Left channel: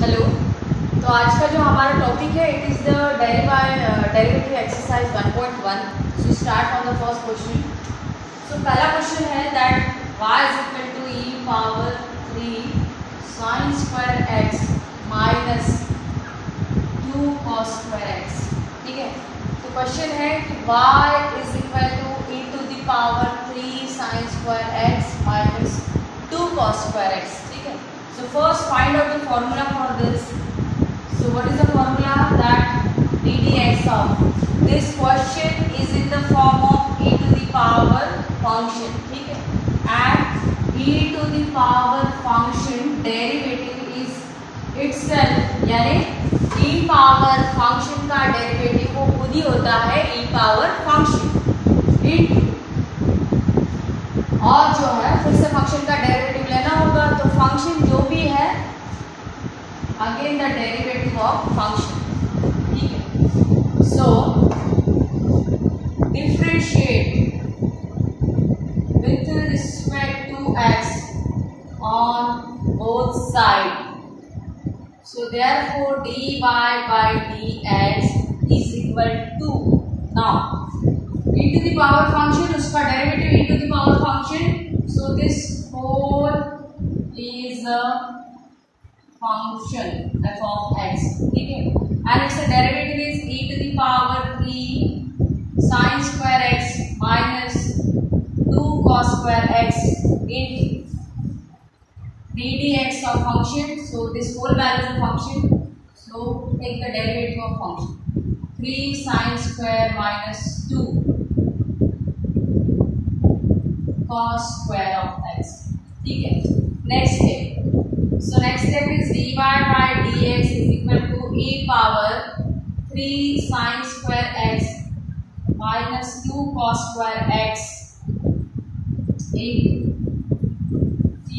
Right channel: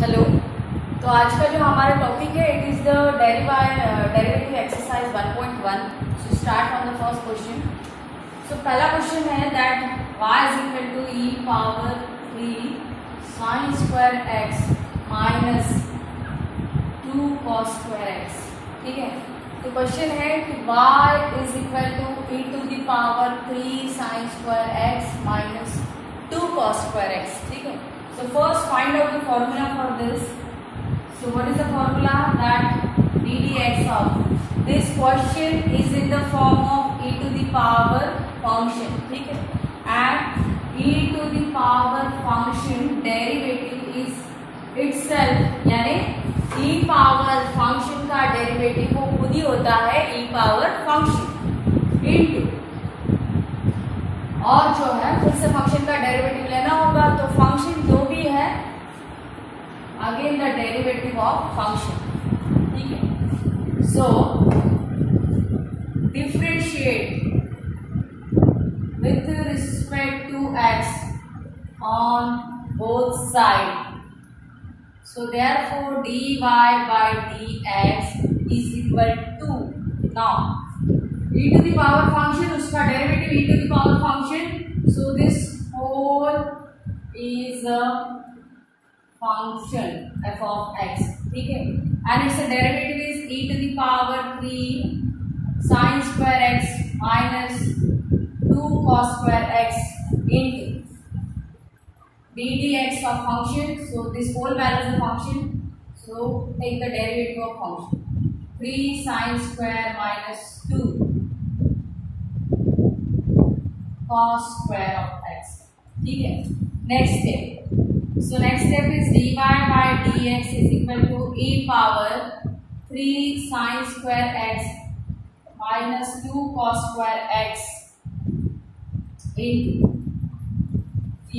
Hello. तो आज का जो हमारा टॉपिक है it is the derivative exercise 1.1। So start on the first question. So पहला क्वेश्चन है that y is equal to e power 3 sin square x minus 2 cos square x। ठीक है, तो क्वेश्चन है कि y is equal to e to the power 3 sin square x minus 2 cos square x। ठीक है, so first find out the formula for this. So what is the formula? That ddx of this question is in the form of e to the power function. ठीक है, and e to the power function derivative is itself, यानी e power function का derivative वो खुद ही होता है e power function into, और जो है फिर से फंक्शन का डेरिवेटिव लेना होगा, तो फंक्शन जो भी है again the derivative of function. ठीक है, so differentiate with respect to x on both side. So therefore dy by dx is equal to, now e to the power function, उसका derivative e to the power function, so this whole is a function f of x. ठीक है, and its derivative is e to the power 3 sin square x minus 2 cos square x into ddx of function. So this whole value is a function, so take the derivative of function 3 sin square minus 2 cos square of x. ठीक है, next step. So next step is dy by dx is equal to e power 3 sin square x minus 2 cos square x।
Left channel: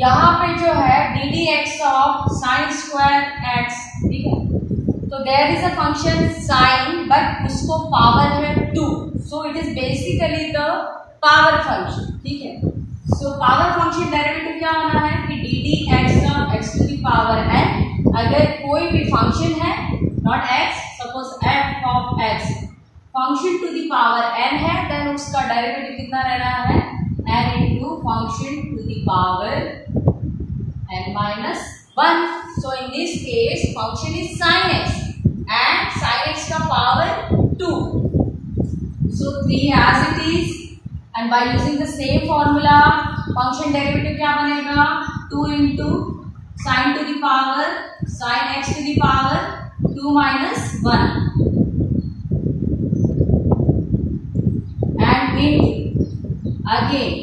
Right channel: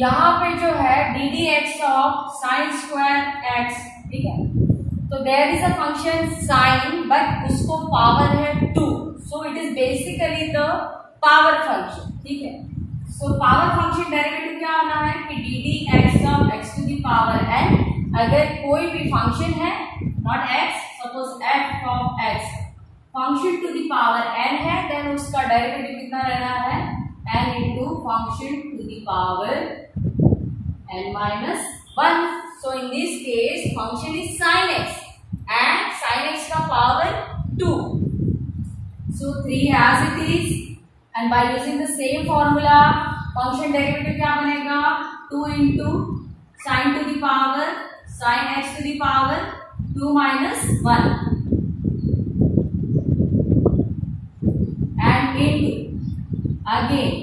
यहाँ पे जो है ddx of sin square x, ठीक है, तो there is a function sin but उसको power है 2, so it is basically the power function. ठीक है, सो पावर फंक्शन डेरिवेटिव क्या होना है कि ddx of x to the power n। अगर कोई भी फंक्शन है not x, suppose f of x function to the power n है, देन उसका डेरिवेटिव कितना रहना है n into function to the power n minus 1। So in this case function is sin x and sin x का power 2, so 3 as it is, and by using the same formula function derivative क्या बनेगा 2 into sin to the power sin x to the power 2 minus 1 and into again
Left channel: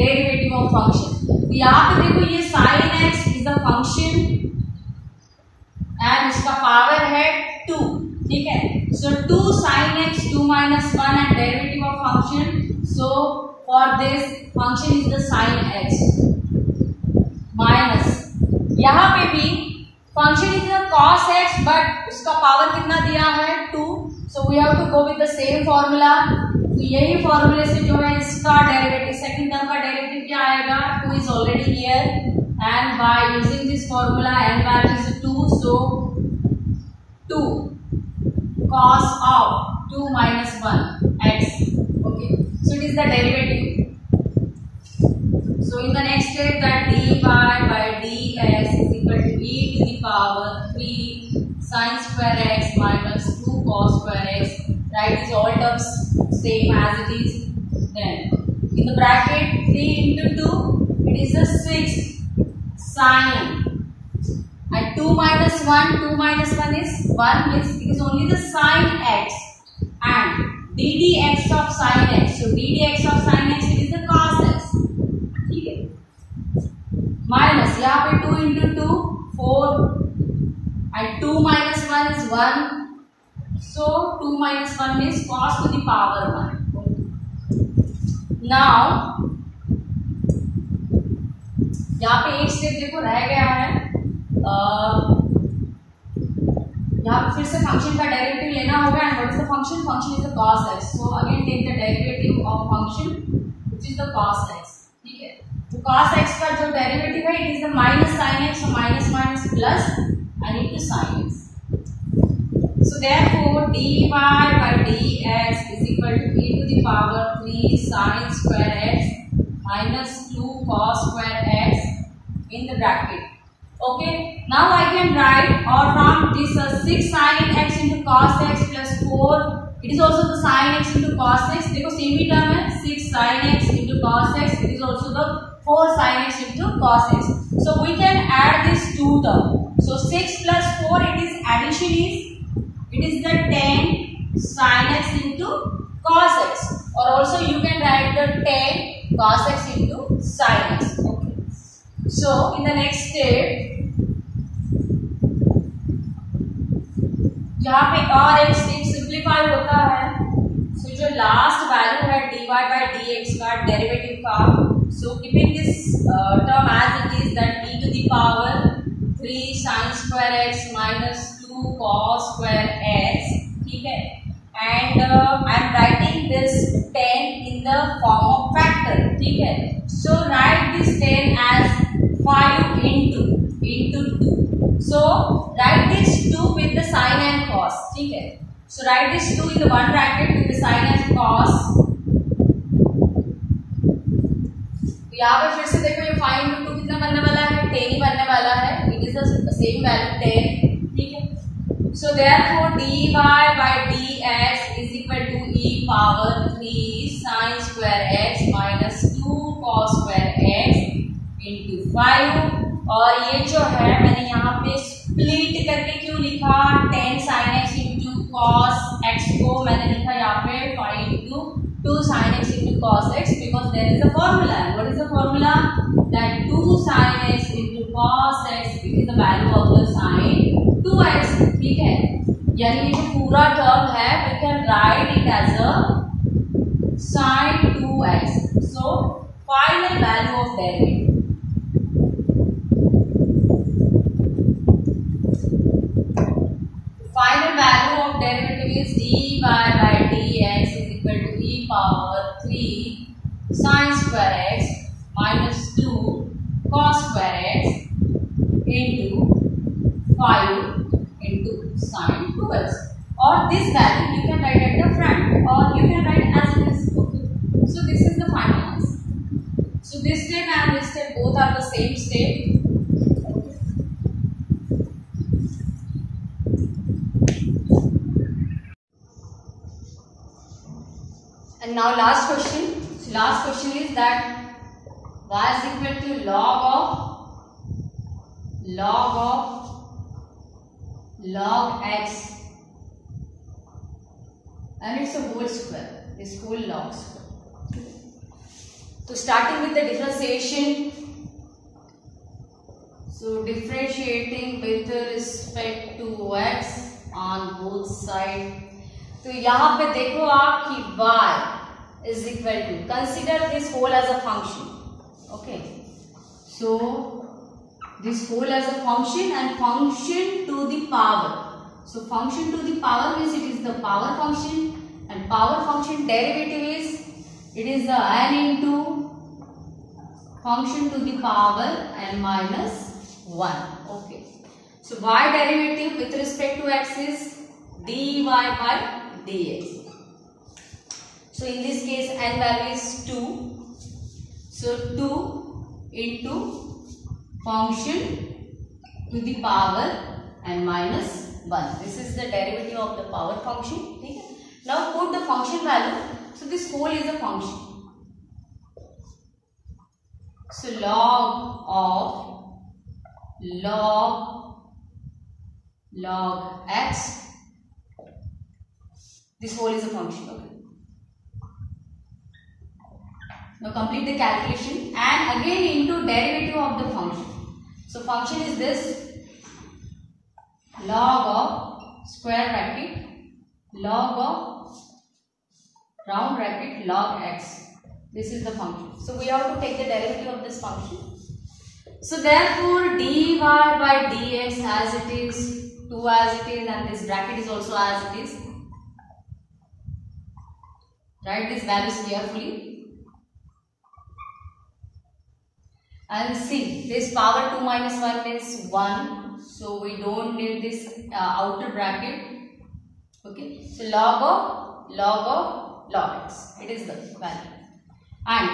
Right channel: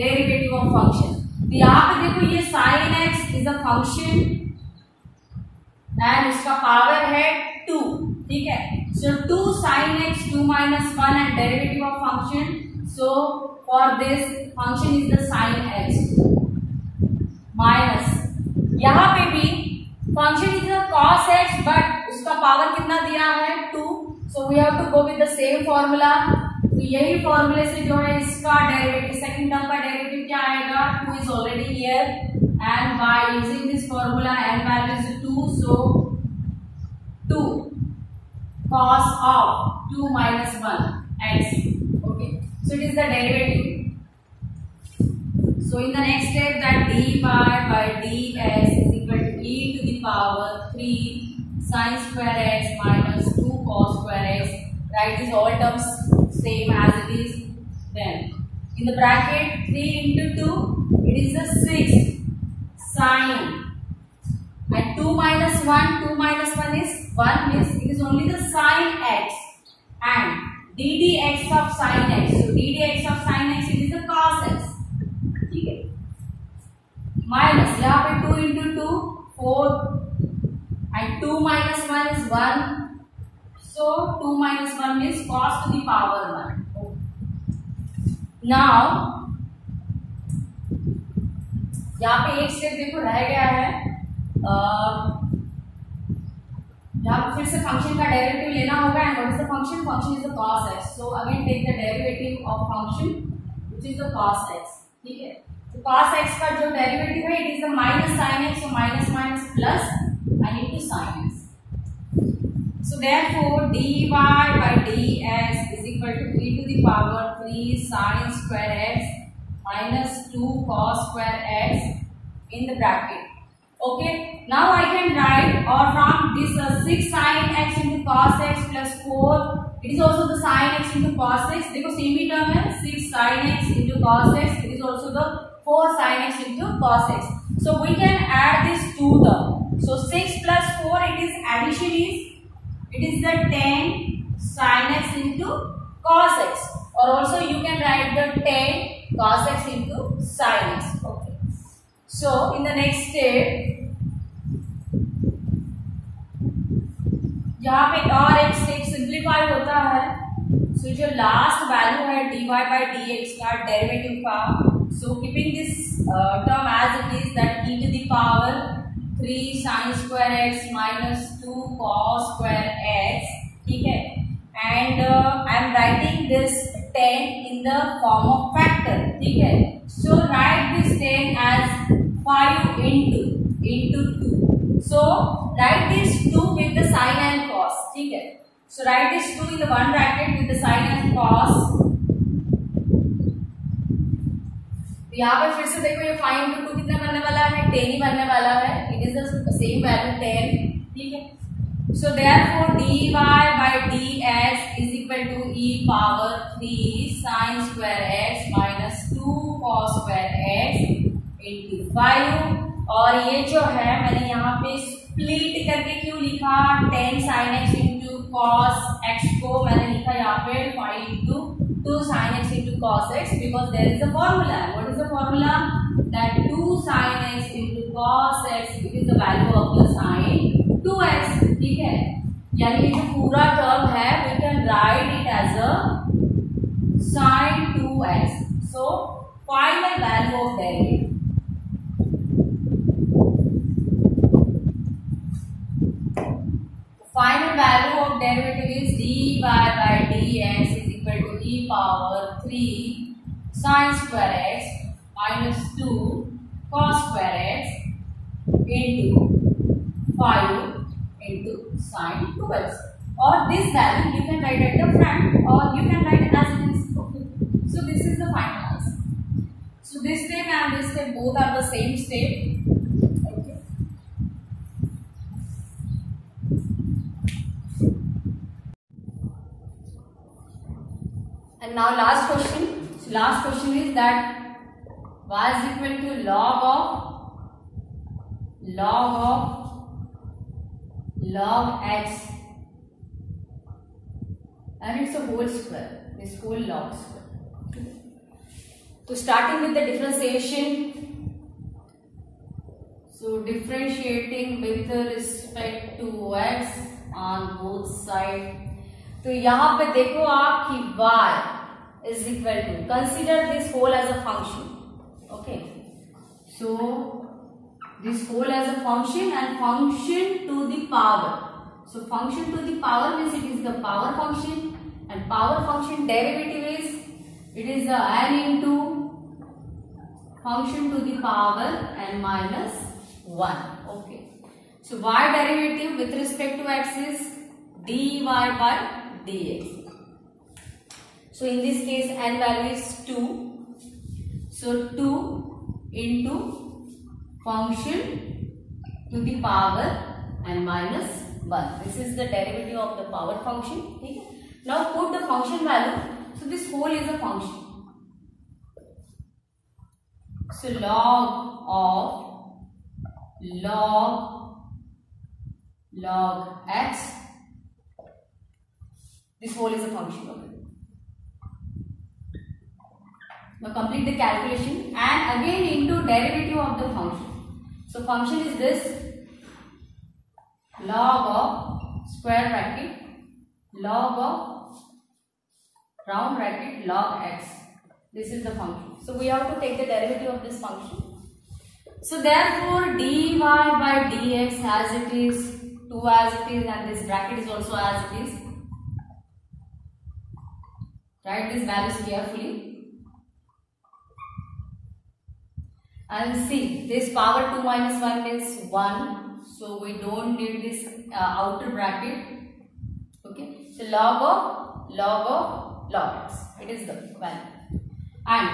derivative of function। तो यहाँ पे देखो ये sin x is a function and उसका power है 2। ठीक है, so 2 sin x 2 minus 1 and derivative of function, so for this function is the sin x minus, यहाँ पे भी function is the cos x but उसका पावर कितना दिया है 2, so we have to go with the same formula। तो यही फॉर्मूले से जो है इसका डेरिवेटिव सेकंड टर्म का डेरिवेटिव क्या आएगा 2 is already here and by using this formula n value is 2, so 2 cos of 2 minus 1 x। okay, so it is the derivative। so in the next step that dy by dx is equal to e to the power 3 sin square x minus 2 cos square x, write these all terms same as it is, then in the bracket 3 into 2 it is a 6 sin, and 2 minus 1 is 1, means it is only the sin x, and ddx of sin x, so ddx of sin x it is the cos x। ठीक है, minus यहाँ पे 2 into 2 4 and 2 minus 1 is 1, so 2 minus 1 means cos to the power 1। now यहाँ पे एक step देखो रह गया है, यहाँ पे फिर से फंक्शन का डेरिवेटिव लेना होगा, and what is the function, function is the cos x, so again take the derivative of function which is the cos x। ठीक है, तो cos x का जो डेरिवेटिव है it is the minus sin x, so minus minus plus and into sin x. So therefore dy by dx is equal to e to the power 3 sin square x minus 2 cos square x in the bracket. Okay, now I can write, or from this 6 sin x into cos x plus 4, it is also the sin x into cos x. देखो same ही term है, 6 sin x into cos x, it is also the 4 sin x into cos x. So we can add these two terms. So 6 plus 4, it is addition is the 10 sin x into cos x, or also you can write the 10 cos x into sin x. Okay. So in the next step, यहाँ पे और एक step simplify होता है. So जो last value है dy by dx का derivative का, so keeping this term as it is, that e to the power 3 sin square x minus 2 cos square x, ठीक है, and I am writing this 10 in the form of factor, ठीक है. So write this 10 as 5 into 2. So write this 2 with the sin and cos, ठीक है. So write this 2 in the one bracket with the sin and cos. तो यहाँ पे फिर से देखो ये 5 into 2 कितना बनने वाला है, 10 ही बनने वाला है. It is the same value 10, ठीक है. So therefore dy by dx is equal to e power 3 sin square x minus 2 cos square x into 5. और ये जो है मैंने यहाँ पे स्प्लिट करके क्यों लिखा, 10 sin x into cos x को मैंने लिखा यहाँ पे 5 into 2 sin x into cos x, because there is a formula. What is the formula? That 2 sin x into cos x, it is the value of the sin 2x, ठीक है. यानी कि जो पूरा टर्म है we can write it as a sin 2x. So final value of derivative. Final value of derivative is dy by dx is equal to e power 3 sin square x minus 2 cos square x into 5 into sin 2x. Or this value you can write at the front, or you can write as it is. Okay. So this is the final answer. So this step and this step both are the same step. And now last question. So last question is that y is equal to log x, and it's a whole square, this whole log square. So starting with the differentiation. So differentiating with respect to x on both sides. तो यहाँ पे देखो आप कि y is equal to, consider this whole as a function. Okay, so this whole as a function and function to the power. So function to the power means it is the power function, and power function derivative is, it is the n into function to the power n minus 1. Okay, so y derivative with respect to x is dy by dx. So in this case n value is 2. So 2 into function to the power n minus 1. This is the derivative of the power function. Okay? Now put the function value. So this whole is a function. So log x. This whole is a function. Okay. Now complete the calculation and again into derivative of the function. So function is this, log of square bracket, log of round bracket, log x. This is the function. So we have to take the derivative of this function. So therefore dy by dx as it is, 2 as it is, and this bracket is also as it is. Write these values carefully. And see, this power 2 minus 1 means 1. so we don't need this outer bracket. Okay, so log x, it is the value. And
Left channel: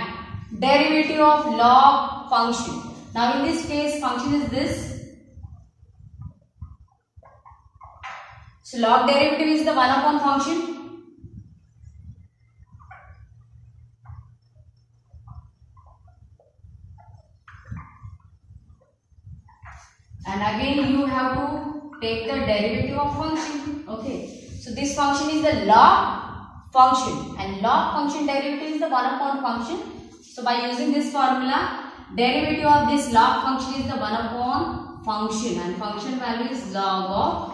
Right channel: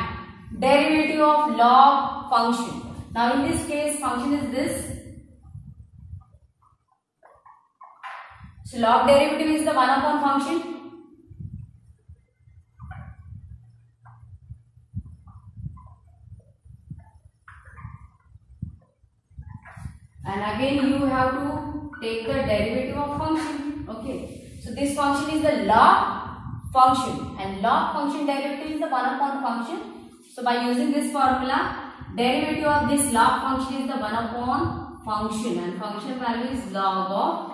derivative of log function. Now in this case function is this, so log derivative is the 1 upon function. And again you have to take the derivative of function. Okay, so this function is the log function, and log function derivative is the 1 upon function. So by using this formula, derivative of this log function is the 1 upon function, and function value is log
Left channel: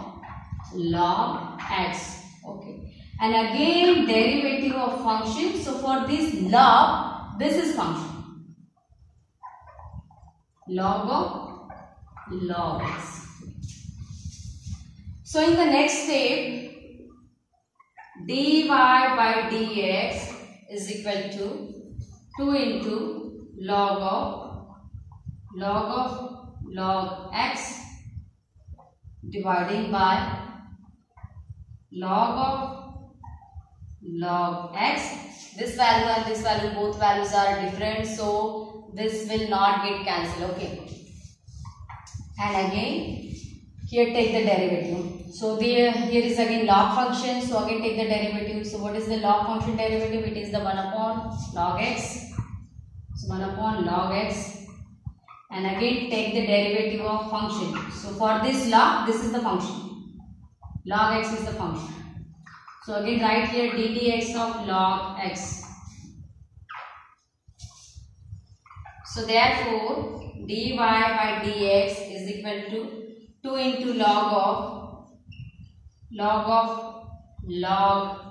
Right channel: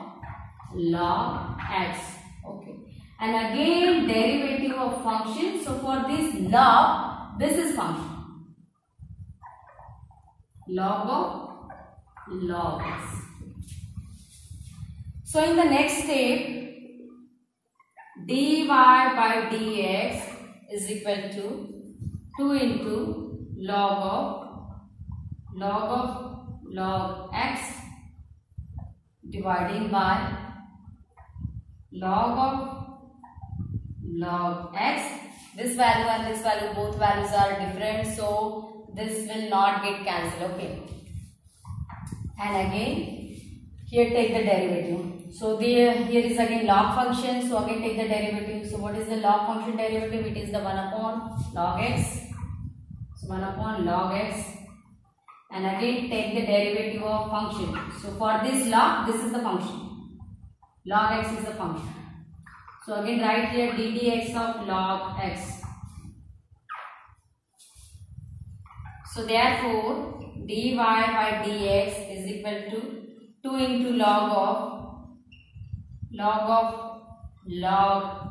x. Okay, and again derivative of function. So for this log, this is function, log x. So in the next step, dy by dx is equal to 2 into log x dividing by log x. This value and this value, both values are different, so this will not get cancelled. Okay, and again here take the derivative. So here is again log function, so again take the derivative. So what is the log function derivative? It is the 1 upon log x. So 1 upon log x, and again take the derivative of function. So for this log, this is the function, log x is the function. So again write here ddx of log x. So therefore dy by dx is equal to 2 into log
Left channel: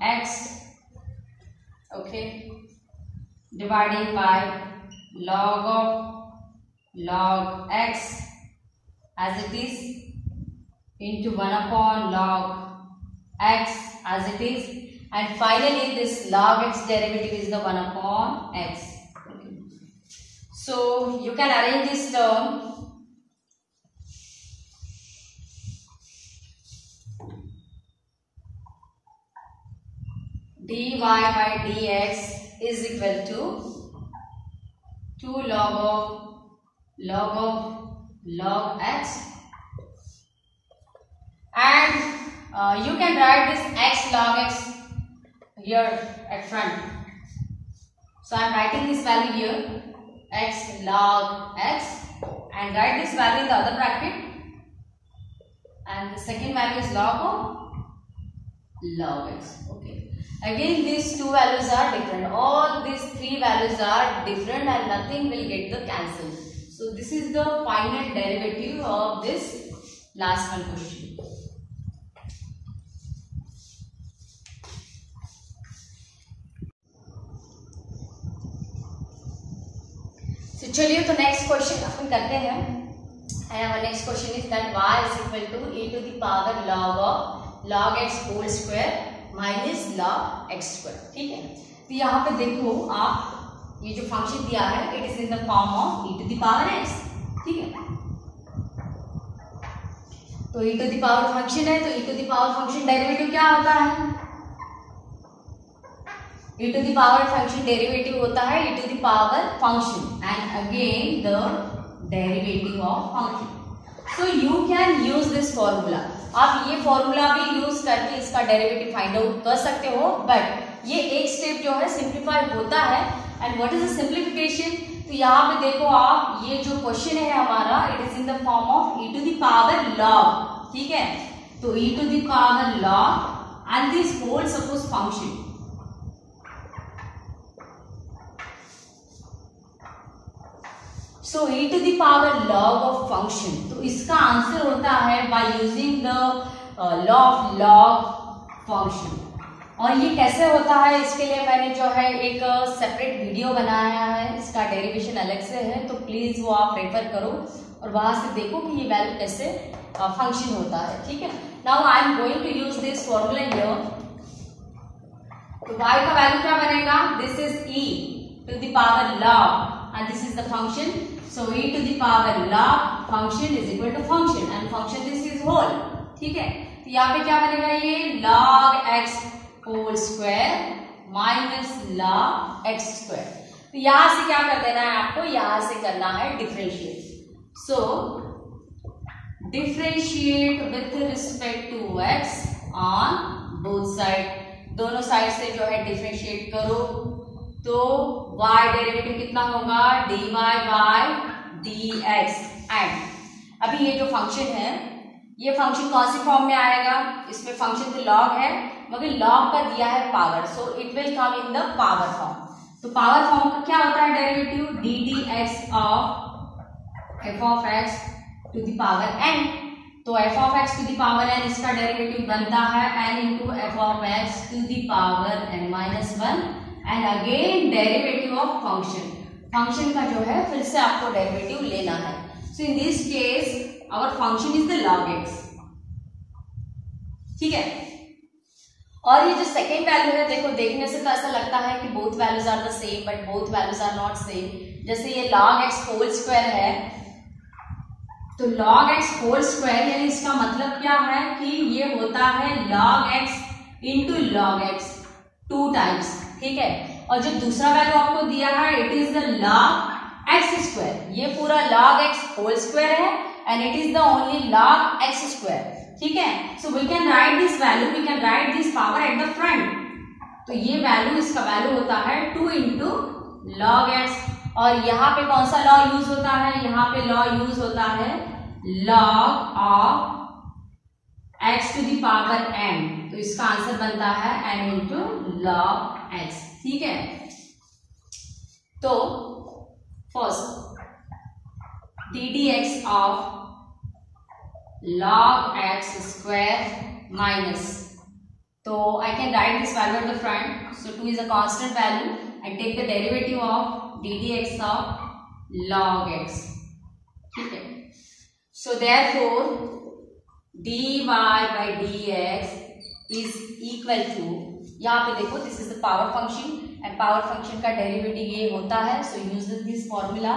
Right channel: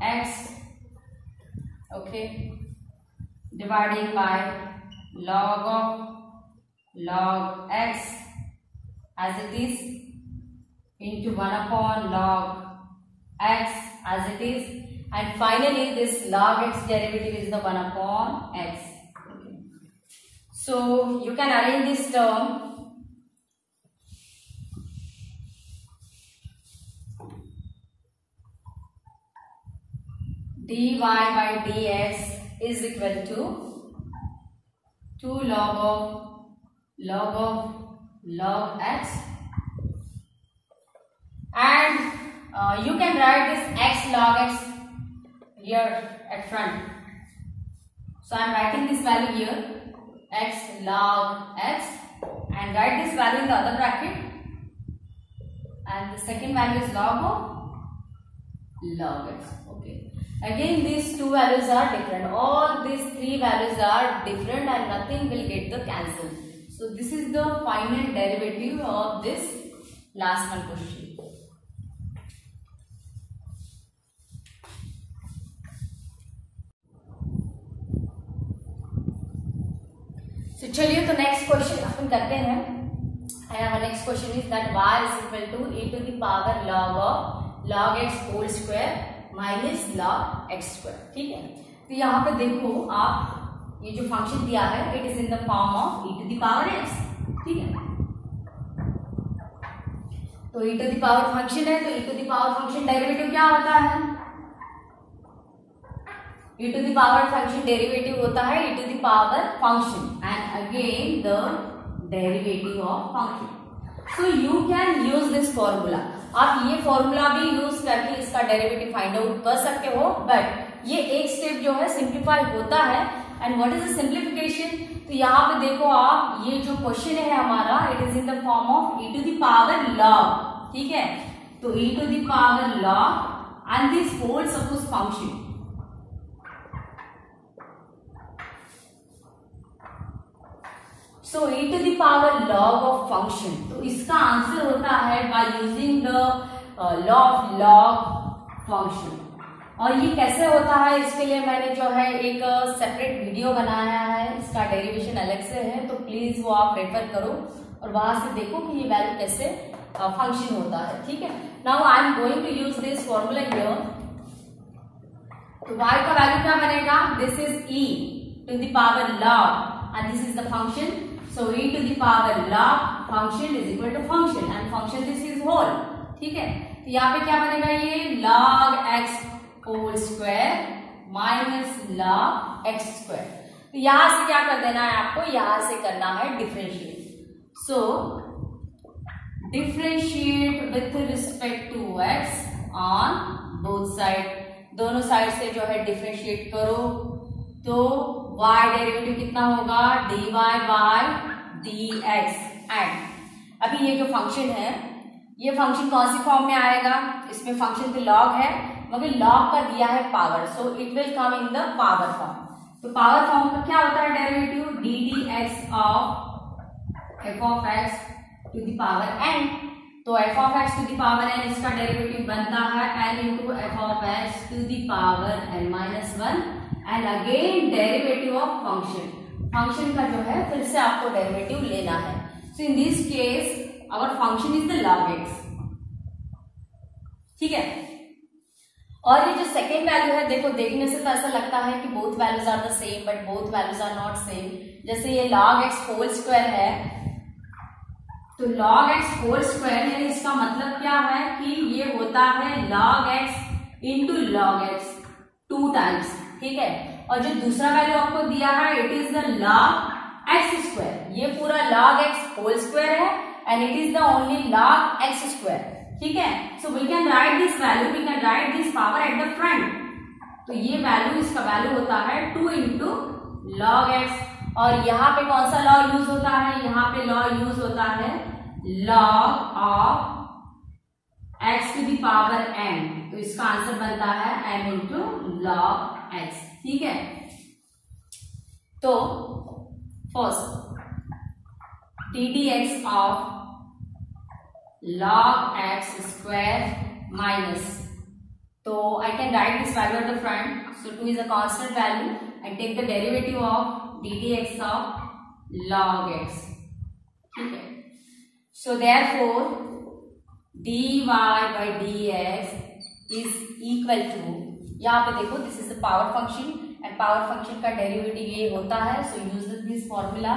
x, okay, dividing by log x as it is into 1 upon log x as it is, and finally this log x derivative is the 1 upon x. Okay. So you can arrange this term. dy by dx is equal to 2 log x, and you can write this x log x here at front. So I am writing this value here, x log x, and write this value in the other bracket, and the second value is log x. Okay, again these two values are different, all these three values are different, and nothing will get the cancel. So this is the final derivative of this last one question. So चलिए तो next question अपन करते हैं. Next question is that y is equal to e to the power log x whole square minus log x square. ठीक है, तो यहाँ पे देखो आप, ये जो फंक्शन दिया है it is in the form of e to the power x. ठीक है, तो e to the power function है, तो e to the power function derivative क्या होता है? e to the power function derivative होता है e to the power function and again the derivative of function. So you can use this formula. आप ये formula भी यूज करके इसका डेरिवेटिव फाइंड आउट कर सकते हो, बट ये एक स्टेप जो है सिंप्लीफाई होता है. And what is the simplification? तो यहाँ पे देखो आप, ये जो क्वेश्चन है हमारा it is in the form of e to the power log. ठीक है, तो e to the power log and this whole suppose function. So e to the power log of function, तो इसका आंसर होता है by using the law of log function. और ये कैसे होता है, इसके लिए मैंने जो है एक सेपरेट वीडियो बनाया है, इसका डेरिवेशन अलग से है, तो प्लीज वो आप रेफर करो और वहां से देखो कि ये वैल्यू कैसे फंक्शन होता है. ठीक है, now I am going to use this formula here. तो y का वैल्यू क्या बनेगा? This is e to the power log and this is the function so e to the power log function is equal to function and function this is whole, ठीक है। तो यहाँ पे क्या बनेगा, ये log x whole square minus log x square. तो यहां से क्या कर देना है आपको, यहां से करना है differentiate. So differentiate with respect to x on both side, दोनों साइड से जो है डिफरेंशिएट करो तो y डेरिवेटिव कितना होगा, dy बाय dx। एंड अभी ये जो फंक्शन है ये फंक्शन कौन सी फॉर्म में आएगा, इसमें फंक्शन तो log है मगर log का दिया है power, so it will come in the power form. तो पावर फॉर्म का क्या होता है derivative, d d x of f of x to the power n। तो f of x to the power n इसका डेरिवेटिव बनता है n into f of x to the power n minus 1 and again derivative of function, function का जो है फिर से आपको डेरिवेटिव लेना है। So in this case our function is the log x, ठीक है। और ये जो सेकेंड वैल्यू है, देखो देखने से तो ऐसा लगता है कि both values are the same, but both values are not same. जैसे ये log x होल स्क्वायर है, तो log x होल स्क्वायर यानी इसका मतलब क्या है कि ये होता है log x into log x 2 times, ठीक है। और जो दूसरा वैल्यू आपको दिया है it is the log x square, ये पूरा log x होल स्क्वायर है and it is the only log x square, ठीक है। So we can write this value, we can write this power at the front. तो ये value, इसका value होता है 2 इंटू log x। और यहाँ पे कौन सा लॉ यूज होता है, यहाँ पे लॉ यूज होता है log of x to the power n। तो इसका आंसर बनता है n इंटू log x, ठीक है। तो first D d x of log x square minus, so I can write this value at the front, so 2 is a constant value and take the derivative of ddx of log x, ठीक है। So therefore dy by dx is equal to, यहाँ पे देखो this is the power function and power function का derivative ये होता है, सो use this formula.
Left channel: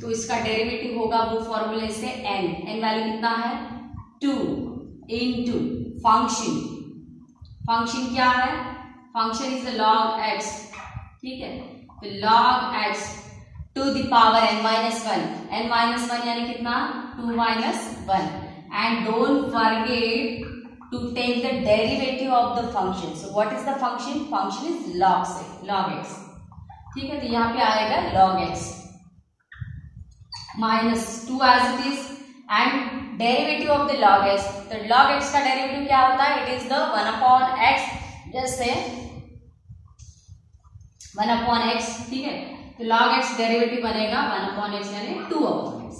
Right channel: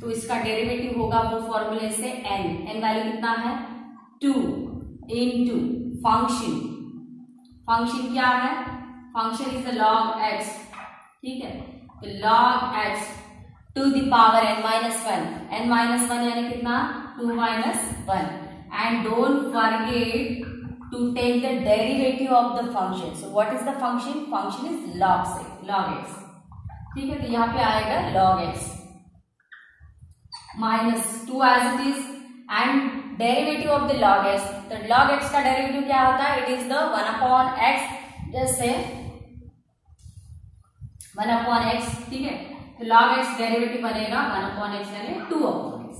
तो इसका डेरिवेटिव होगा वो फॉर्मूले से n वैल्यू कितना है 2 इंटू फंक्शन, फंक्शन क्या है, function is the log x, ठीक है। तो log x to the power n minus 1 यानी कितना 2 minus 1 and don't forget to take the derivative of the function. So what is the function, function is log x, ठीक है। तो यहाँ पे आएगा log x minus 2 as it is and derivative of the log x। तो log x का derivative क्या होता है, it is the 1 upon x, जैसे 1 अपॉन x, ठीक है। तो log x डेरिवेटिव बनेगा 1 अपॉन x यानी 2 upon x।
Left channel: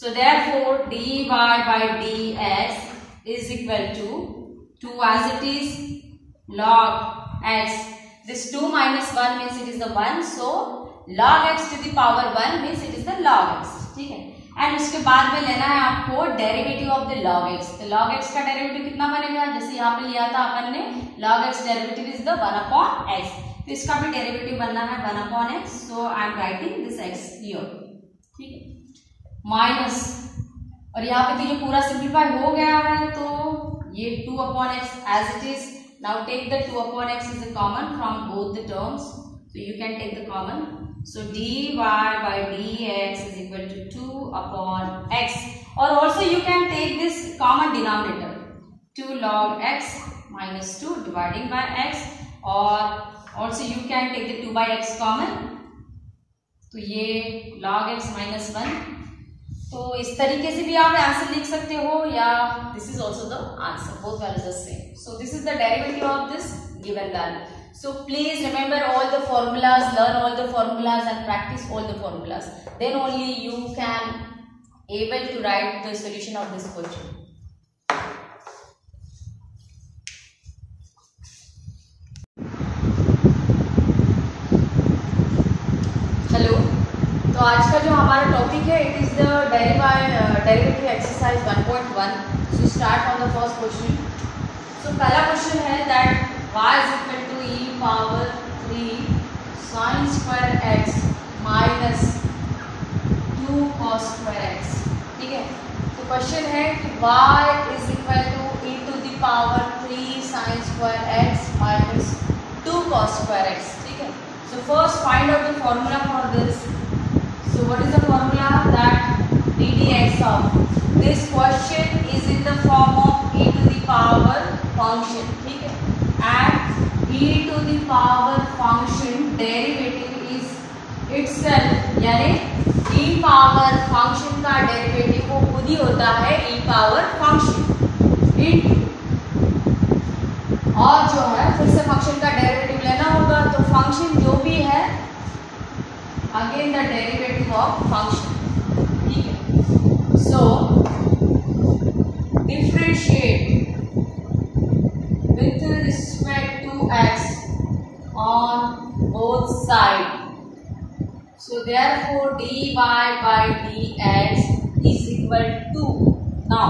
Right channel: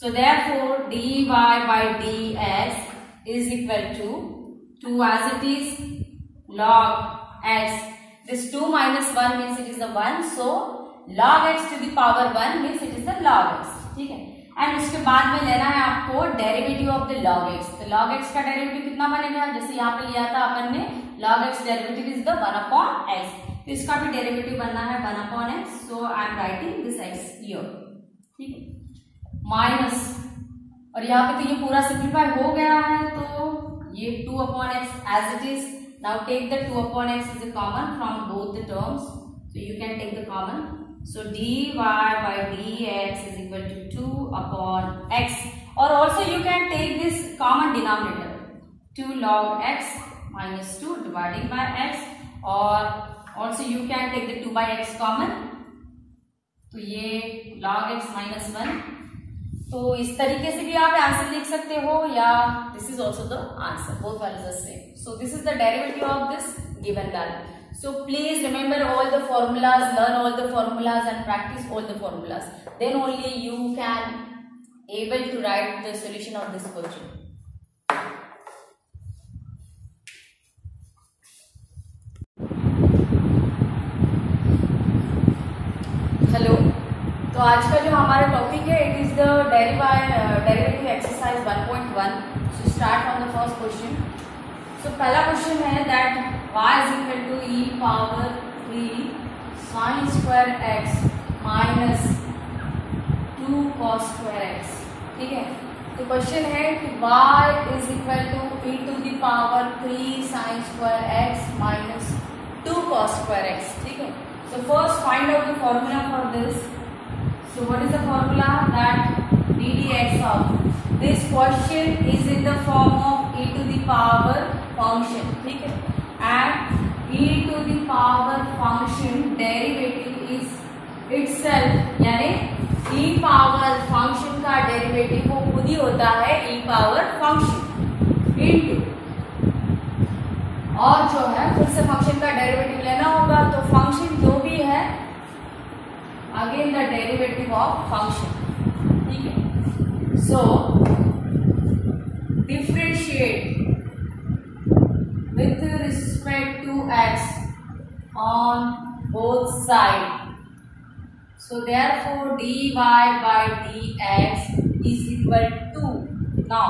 So therefore dy by dx is equal to 2 as it is log x, this 2 minus 1 means it is the 1, so log x to the power 1 means it is the log x, ठीक है। And उसके बाद में लेना है आपको derivative of the log x। तो log x का डेरिवेटिव कितना बनेगा, जैसे यहाँ पे लिया था अपन ने log x derivative is the 1 upon x, तो इसका भी डेरिवेटिव बनना है 1 upon x, so I am writing this x here, ठीक है। माइनस, और यहाँ पे तो ये पूरा सिंप्लीफाई हो गया है, तो ये 2 upon x as it is. Now take the 2 upon x is a common from both the terms, so you can take the common, so dy by dx is equal to 2 upon x, or also you can take this common denominator 2 log x minus 2 dividing by x, or also you can take the 2 by x common, तो ये log x minus 1। तो इस तरीके से भी आप answer लिख सकते हो, या this is also the answer, both values are same. So this is the derivative of this given value. So please remember all the formulas, learn all the formulas and practice all the formulas. Then only you can able to write the solution of this question. Hello. तो आज का जो हमारा topic है it is the derivative exercise 1.1. So start from the first question. So पहला question है that y is equal to e power 3 sin square x minus 2 cos square x। ठीक है, तो क्वेश्चन है कि y is equal to e to the power 3 sin square x minus 2 cos square x। ठीक है, so first find out the formula for this। So what is the formula? That ddx of this question is in the form of e to the power function। ठीक है, and e to the power function derivative is itself, यानी e power function का derivative वो खुद ही होता है e power function into, और जो है फिर से फंक्शन का डेरिवेटिव लेना होगा, तो फंक्शन जो भी है again the derivative of function. ठीक है, so differentiate with respect to x on both side. So therefore dy by dx is equal to, now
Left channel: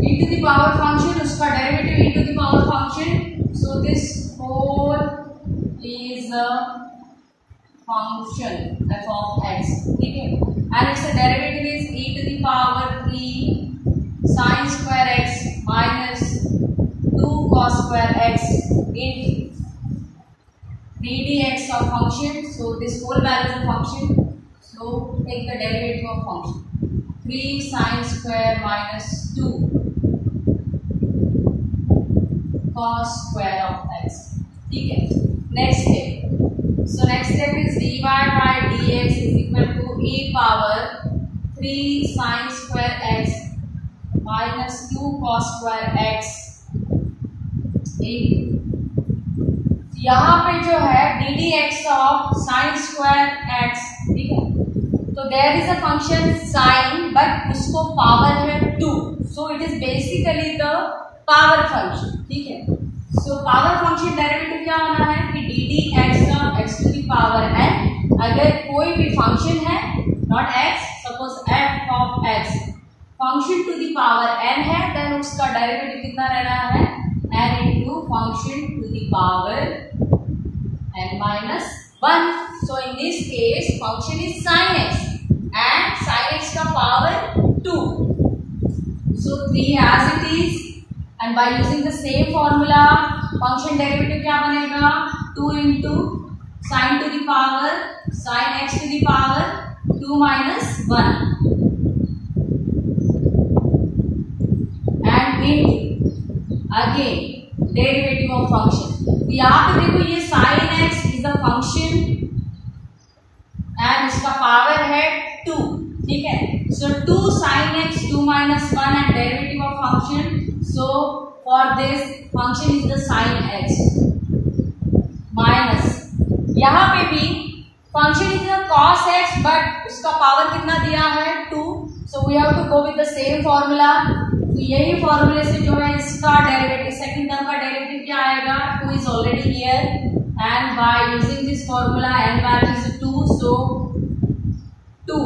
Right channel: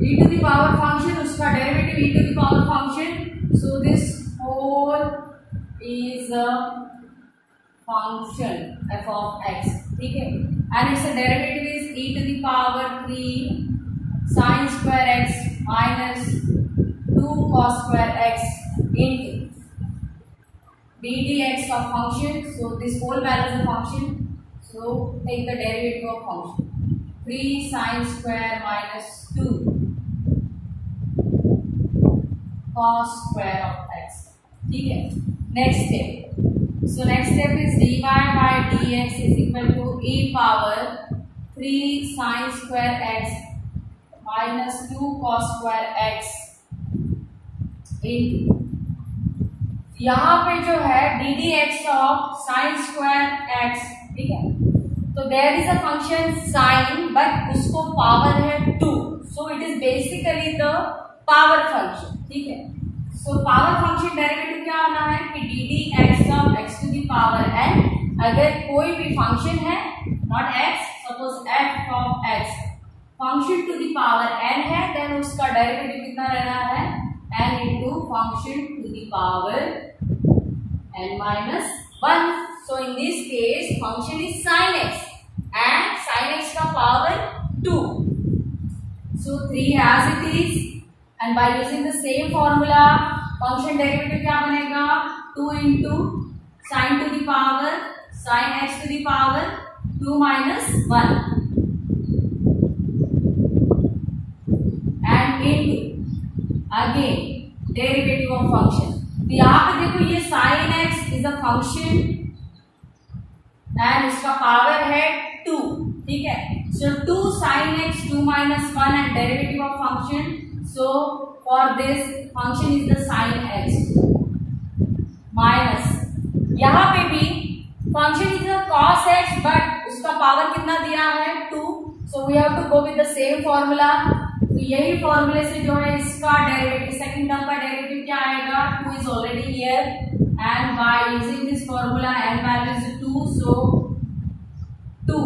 e to the power function उसका derivative e to the power function, so this whole is a function f of x। ठीक है, and its derivative is e to the power 3 sin square x minus 2 cos square x into ddx of function, so this whole value is a function, so take the derivative of function 3 sin square minus 2 cos square of x। ठीक है, next step, so next step is dy by dx is equal to e power 3 sin square x minus 2 cos square x into, यहाँ पे जो है d d x of sine square x. ठीक है, तो there is a function sine but उसको power है 2, so it is basically the power function. ठीक है, सो पावर फंक्शन डेरिवेटिव क्या होना है कि d d x of x to the power n, अगर कोई भी फंक्शन है not x, suppose f of x function to the power n है, देन उसका डेरिवेटिव कितना रहना है n into function to the power n minus 1। So in this case function is sin x and sin x का power 2, so 3 as it is, and by using the same formula function derivative क्या बनेगा 2 into sin to the power sin x to the power 2 minus 1 and into again derivative of function. तो यहाँ पे देखो ये sine x is a function and इसका power है 2। ठीक है, so 2 sine x 2 minus 1 and derivative of function, so for this function is the sine x minus, यहाँ पे भी function is the cos x but उसका पावर कितना दिया है 2, so we have to go with the same formula. तो यही फॉर्मूले से जो है इसका डेरिवेटिव सेकंड टर्म का डेरिवेटिव क्या आएगा 2 is already here and by using this formula n value is 2, so 2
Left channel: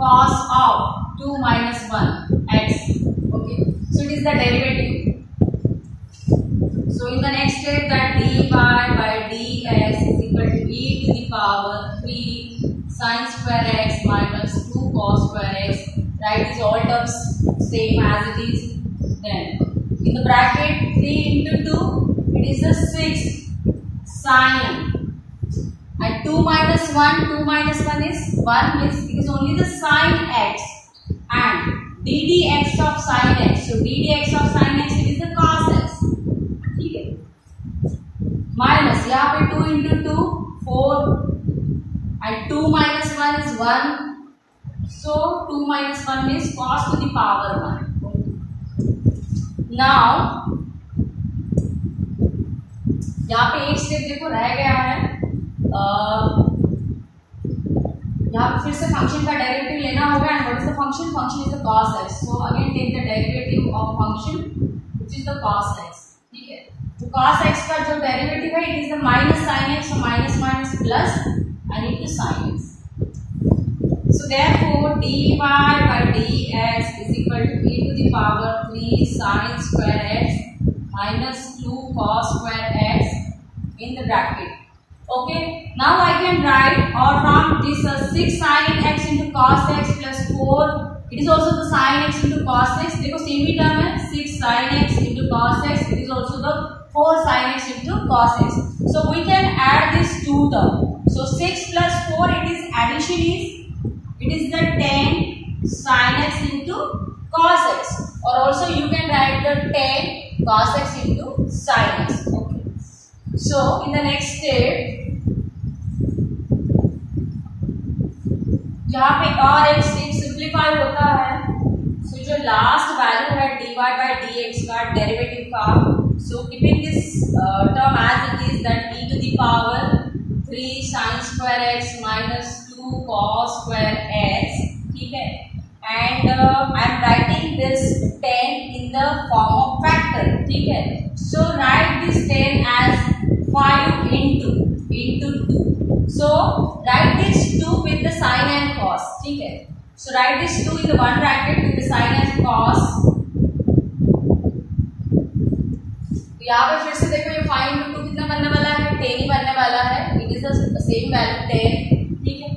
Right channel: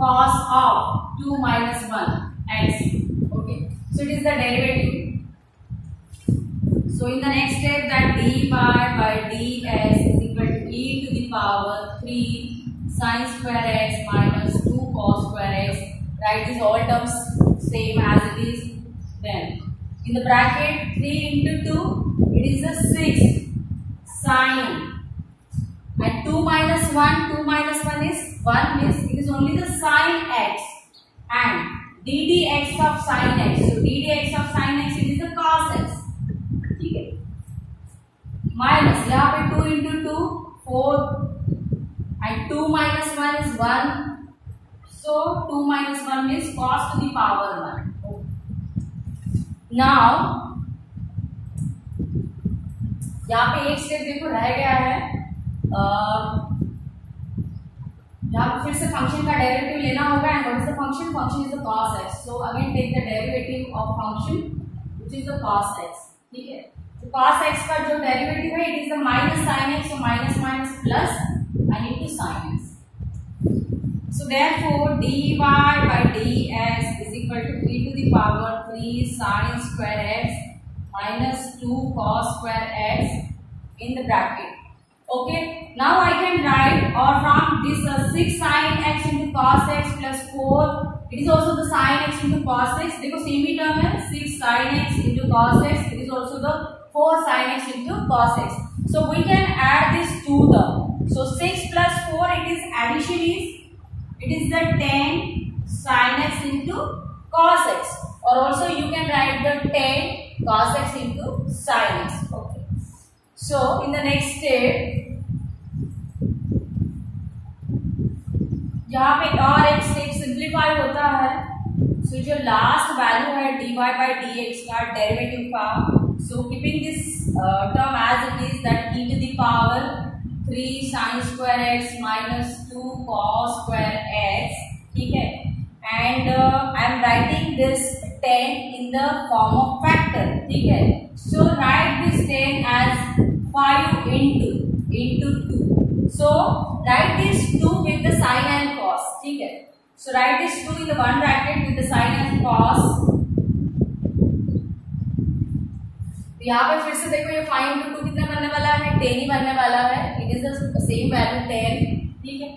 cos of 2 minus 1 x। Okay, so it is the derivative। So in the next step that dy by dx is equal to e to the power 3 sin square x minus 2 cos square x, write these all terms same as it is, then in the bracket 3 into 2 it is a 6 sin, and 2 minus 1 is 1, means it is only the sin x, and ddx of sin x, so ddx of sin x it is the cos x। ठीक है, minus यहाँ पे 2 into 2 4 and 2 minus 1 is 1, so 2 minus 1 means cos to the power 1। Now यहाँ पे एक step देखो रह गया है, यहाँ पे फिर से फंक्शन का डेरिवेटिव लेना होगा and what is the function, function is the cos x, so again take the derivative of function which is the cos x। ठीक है, तो cos x का जो डेरिवेटिव है it is the minus sin x, so minus minus plus and into sin x। So therefore dy by dx is equal to e to the power 3 sin square x minus 2 cos square x in the bracket, Okay, now I can write, or from this 6 sin x into cos x plus 4, it is also the sin x into cos x. देखो same ही term है, 6 sin x into cos x, it is also the 4 sin x into cos x. So we can add this two term. So 6 plus 4, it is addition is the 10 sin x into cos x, or also you can write the 10 cos x into sin x. Okay. So in the next step, यहाँ पे और एक step simplify होता है. So जो last value है dy by dx का derivative का, so keeping this term as it is, that e to the power 3 sin square x minus 2 cos square x. ठीक है, and I am writing this 10 in the form of factor. ठीक है, सो right this 10 as 5 into 2. So write this 2 with the sin and cos. ठीक है, so write this 2 in the one bracket with the sin and cos. तो यहाँ पे फिर से देखो, ये 5 into 2 कितना बनने वाला है, 10 ही बनने वाला है. It is the same value 10. ठीक है,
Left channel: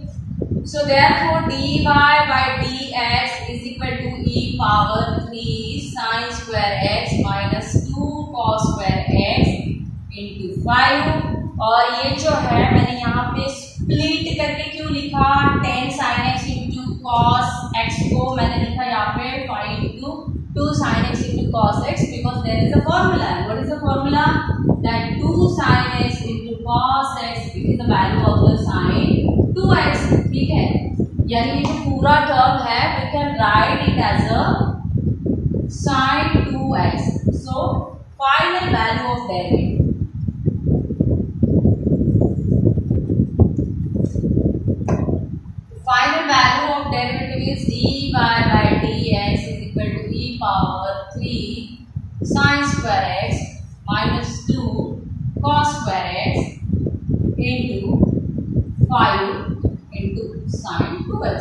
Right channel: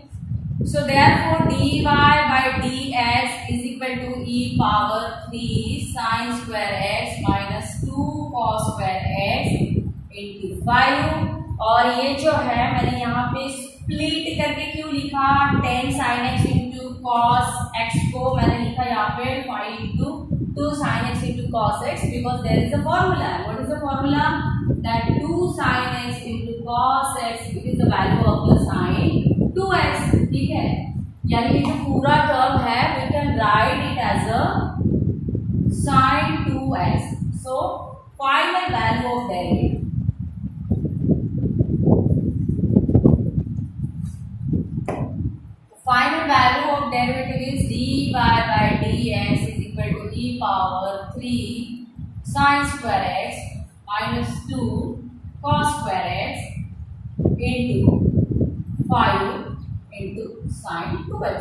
so therefore dy by dx is equal to e power 3 sin square x minus 2 cos square x into 5. और ये जो है मैंने यहाँ पे स्प्लिट करके क्यों लिखा, 10 sin x into cos x को मैंने लिखा यहाँ पे 5 into 2 sin x into cos x, because there is a formula. What is the formula? That 2 sin x into cos x, it is the value of the sin 2x. ठीक है, यानी ये जो पूरा टर्म है we can write it as a sin 2x. So final value of derivative. Final value of derivative is dy by dx is equal to e power 3 sin square x minus 2 cos square x into 5 into sin 2x.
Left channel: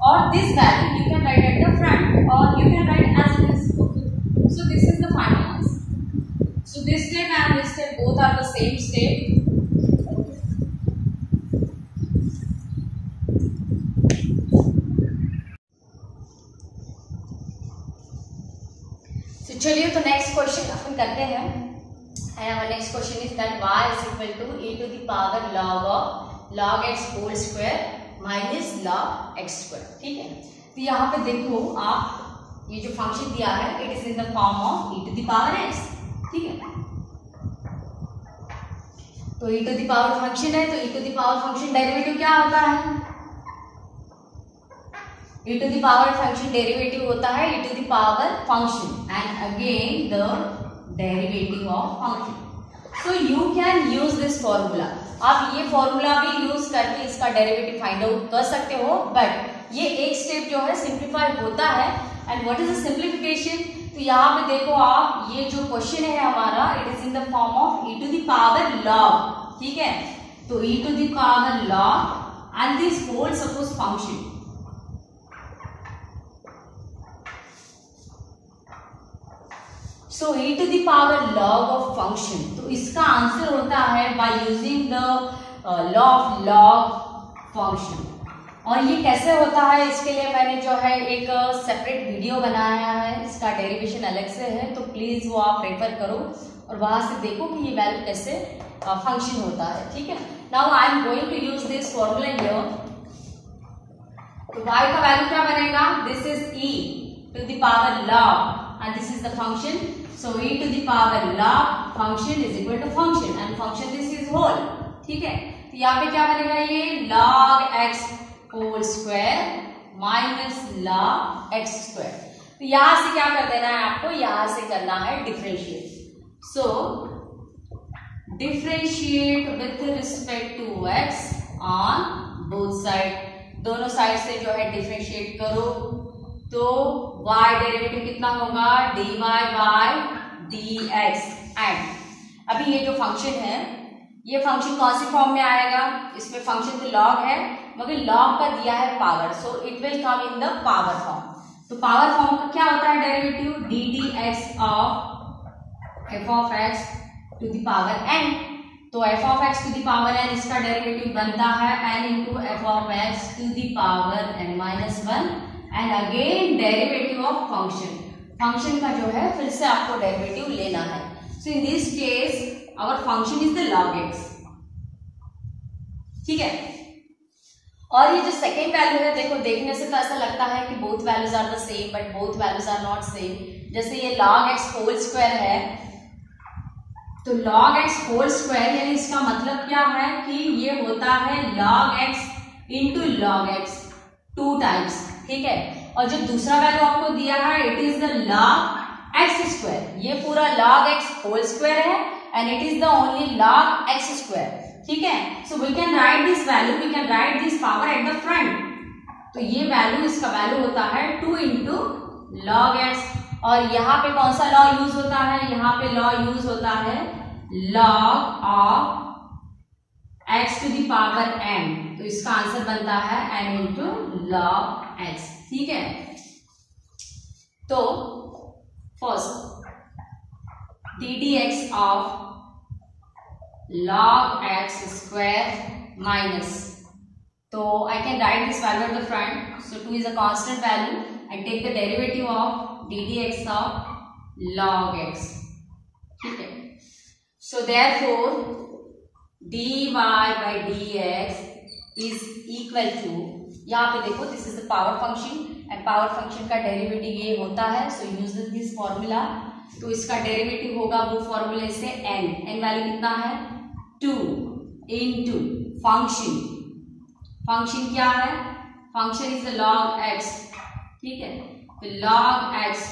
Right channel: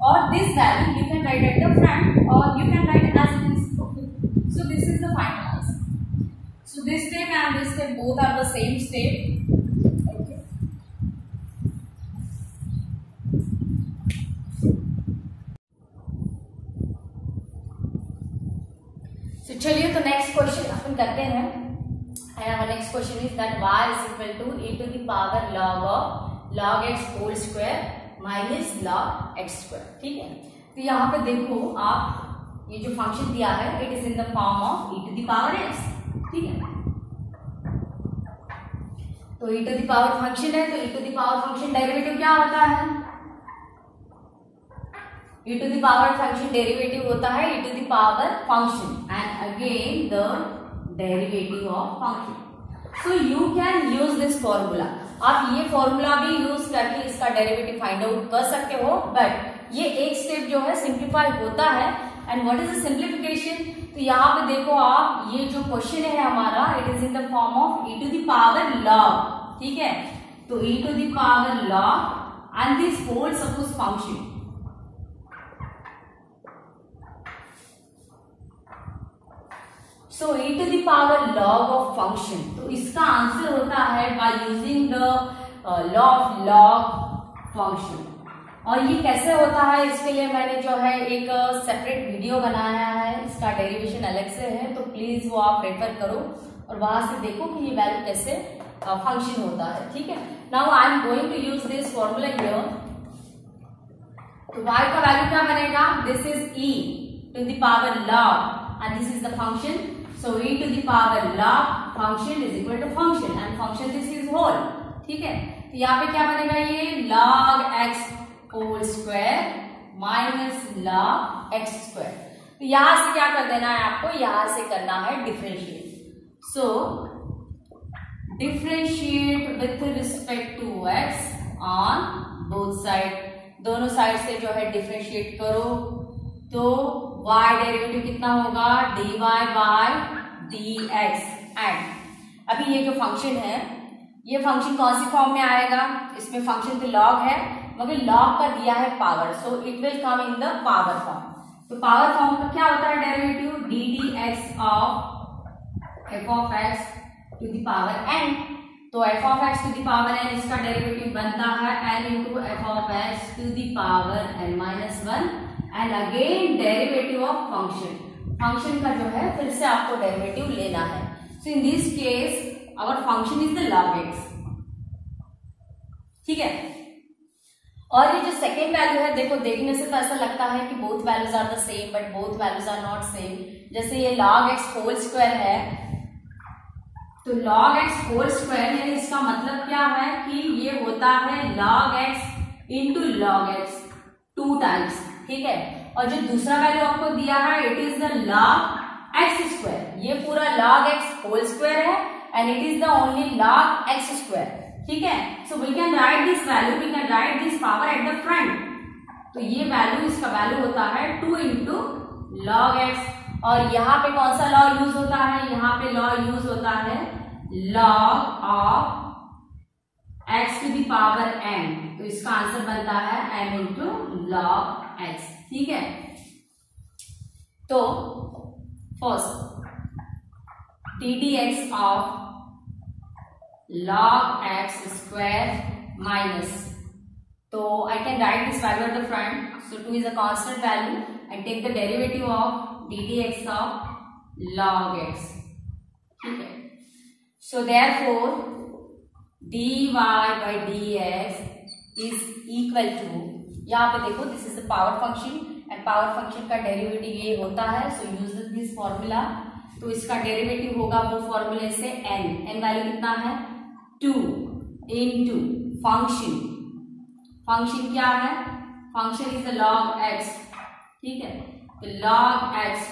Or this value you can write at the front, or you can write as it is. Okay. So this is the final answer. So this step and this step both are the same step. चलिए तो next question अपन करते हैं. Next question is that y is equal to e to the power log x whole square minus log x square. ठीक है, तो यहाँ पे देखो आप, ये जो फंक्शन दिया है it is in the form of e to the power x. ठीक है, तो e to the power function है, तो e to the power function derivative क्या होता है, e to the power function derivative होता है e to the power function, and again the derivative of function. So you can use this formula. आप ये formula भी यूज करके इसका डेरिवेटिव फाइंड आउट कर सकते हो, बट ये एक स्टेप जो है सिंप्लीफाई होता है. And what is the simplification? तो यहाँ पे देखो आप, ये जो क्वेश्चन है हमारा it is in the form of e to the power log. ठीक है, तो e to the power log and this whole suppose function. So e to the power log of function, तो इसका आंसर होता है by using the law of log function. और ये कैसे होता है, इसके लिए मैंने जो है एक सेपरेट वीडियो बनाया है, इसका डेरिवेशन अलग से है, तो प्लीज वो आप रेफर करो और वहां से देखो कि ये वैल्यू कैसे फंक्शन होता है. ठीक है, now I am going to use this formula here. तो y का वैल्यू क्या बनेगा, this is e to the power log and this is the function. So e to the power log function is equal to function and function this is whole. ठीक है, तो यहाँ पे क्या बनेगा, ये log x whole square minus log x square. तो यहाँ से क्या कर देना है आपको, यहाँ से करना है differentiate. So differentiate with respect to x on both side. दोनों साइड से जो है डिफरेंशिएट करो, तो y डेरिवेटिव कितना होगा, dy by dx. एंड अभी ये जो फंक्शन है, ये फंक्शन कौन सी फॉर्म में आएगा, इसमें फंक्शन तो log है मगर log का दिया है power, so it will come in the power form. तो पावर फॉर्म का क्या होता है derivative, ddx of f of x to the power n. तो f of x to the power n इसका डेरिवेटिव बनता है n into f of x to the power n minus one and again derivative of function. Function का जो है फिर से आपको डेरिवेटिव लेना है। So in this case our function is the log x, ठीक है। और ये जो सेकेंड वैल्यू है, देखो देखने से तो ऐसा लगता है कि both values are the same, but both values are not same. जैसे ये log x होल स्क्वायर है, तो log x होल स्क्वायर यानी इसका मतलब क्या है कि ये होता है log x into log x 2 times, ठीक है। और जो दूसरा वैल्यू आपको दिया है it is the log x square, ये पूरा log x होल स्क्वायर है and it is the only log x square, ठीक है। So we can write this value, we can write this power at the front. तो ये value, इसका value होता है 2 इंटू log x। और यहाँ पे कौन सा लॉ यूज होता है, यहाँ पे लॉ यूज होता है log of x to the power n। तो इसका आंसर बनता है n इंटू log x, ठीक है। तो first D d x of log x square minus, so I can write this value at the front. So 2 is a constant value and take the derivative of ddx of log x, ठीक है। So therefore dy by dx is equal to, यहाँ पे देखो this is the power function and power function का derivative ये होता है। सो use this formula. तो इसका डेरिवेटिव होगा वो फॉर्मूले से n वैल्यू कितना है 2 इंटू फंक्शन। फंक्शन क्या है, function is the log x, ठीक है। तो log x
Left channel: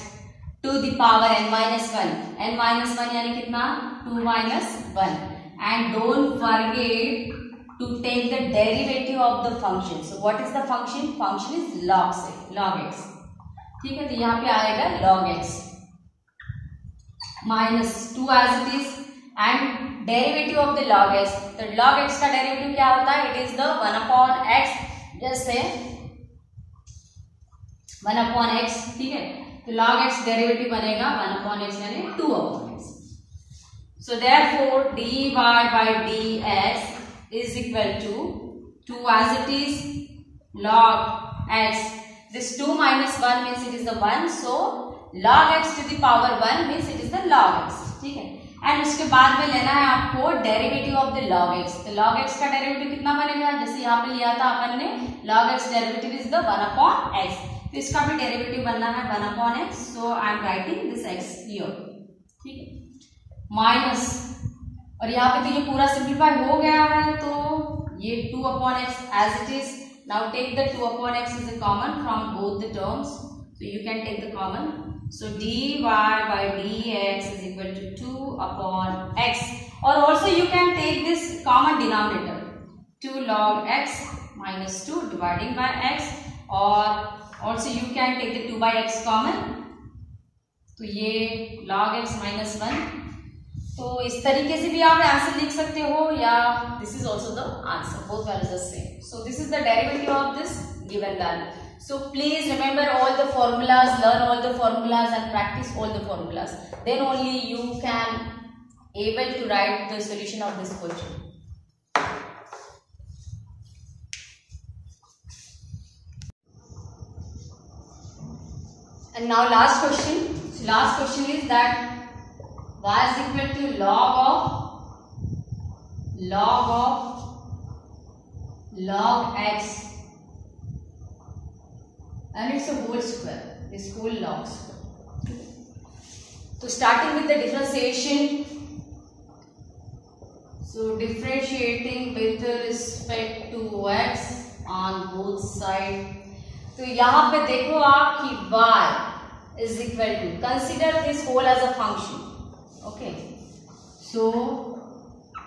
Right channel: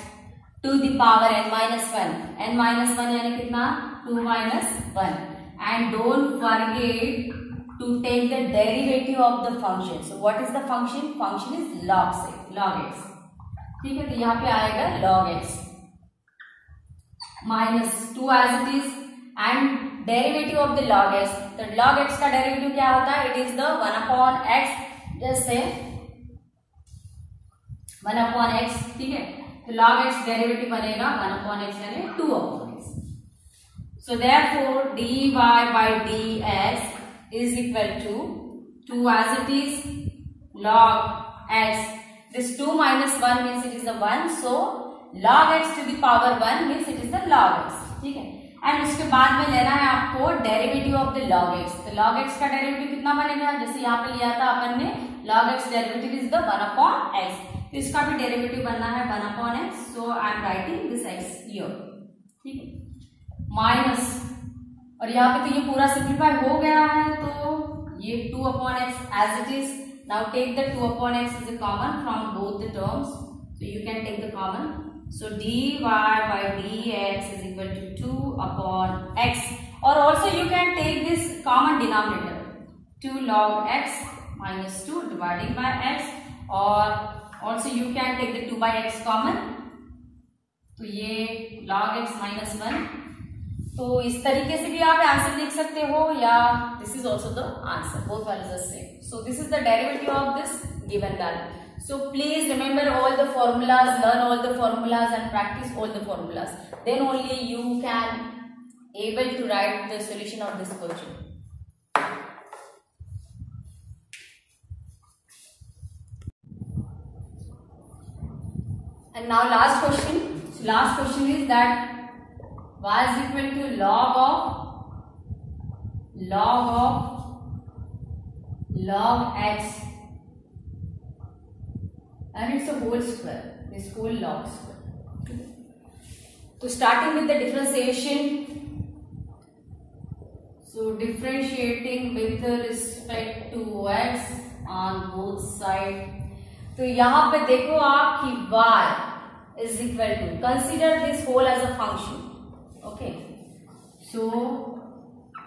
to the power n minus one, n minus one यानी कितना 2 minus one. And don't forget to take the derivative of the function. So what is the function? Function is log x, ठीक है। तो यहाँ पे आएगा log x minus 2 as it is and derivative of the log x। तो log x का derivative क्या होता है, it is the 1 upon x, जैसे 1 upon x, ठीक है। तो log x डेरिवेटिव बनेगा 1 upon x यानी 2 upon x। So therefore dy by dx is equal to 2 as it is log x, this 2 minus 1 means it is the 1, so log x to the power 1 means it is the log x, ठीक है। And उसके बाद में लेना है आपको derivative of the log x। तो log x का डेरिवेटिव कितना बनेगा, जैसे यहाँ पे लिया था अपन ने log x derivative is the 1 upon x, तो इसका भी डेरिवेटिव बनना है 1 upon x। So I am writing this x here, ठीक है, माइनस, और यहाँ पे तो ये पूरा सिंप्लीफाई हो गया है, तो ये 2 upon x as it is। Now take the 2 upon x is a common from both the terms, so you can take the common। So dy by dx is equal to 2 upon x, or also you can take this common denominator 2 log x minus 2 dividing by x, or also you can take the 2 by x common, तो ये log x minus 1। तो इस तरीके से भी आप answer लिख सकते हो, या this is also the answer, both values are same. So this is the derivative of this given value. So please remember all the formulas, learn all the formulas and practice all the formulas, then only you can able to write the solution of this question. And now last question. So last question is that y is equal to log x and it's a whole square, this whole log square। So starting with the differentiation, so differentiating with respect to x on both sides। तो यहाँ पे देखो आप कि y is equal to, consider this whole as a function, okay। So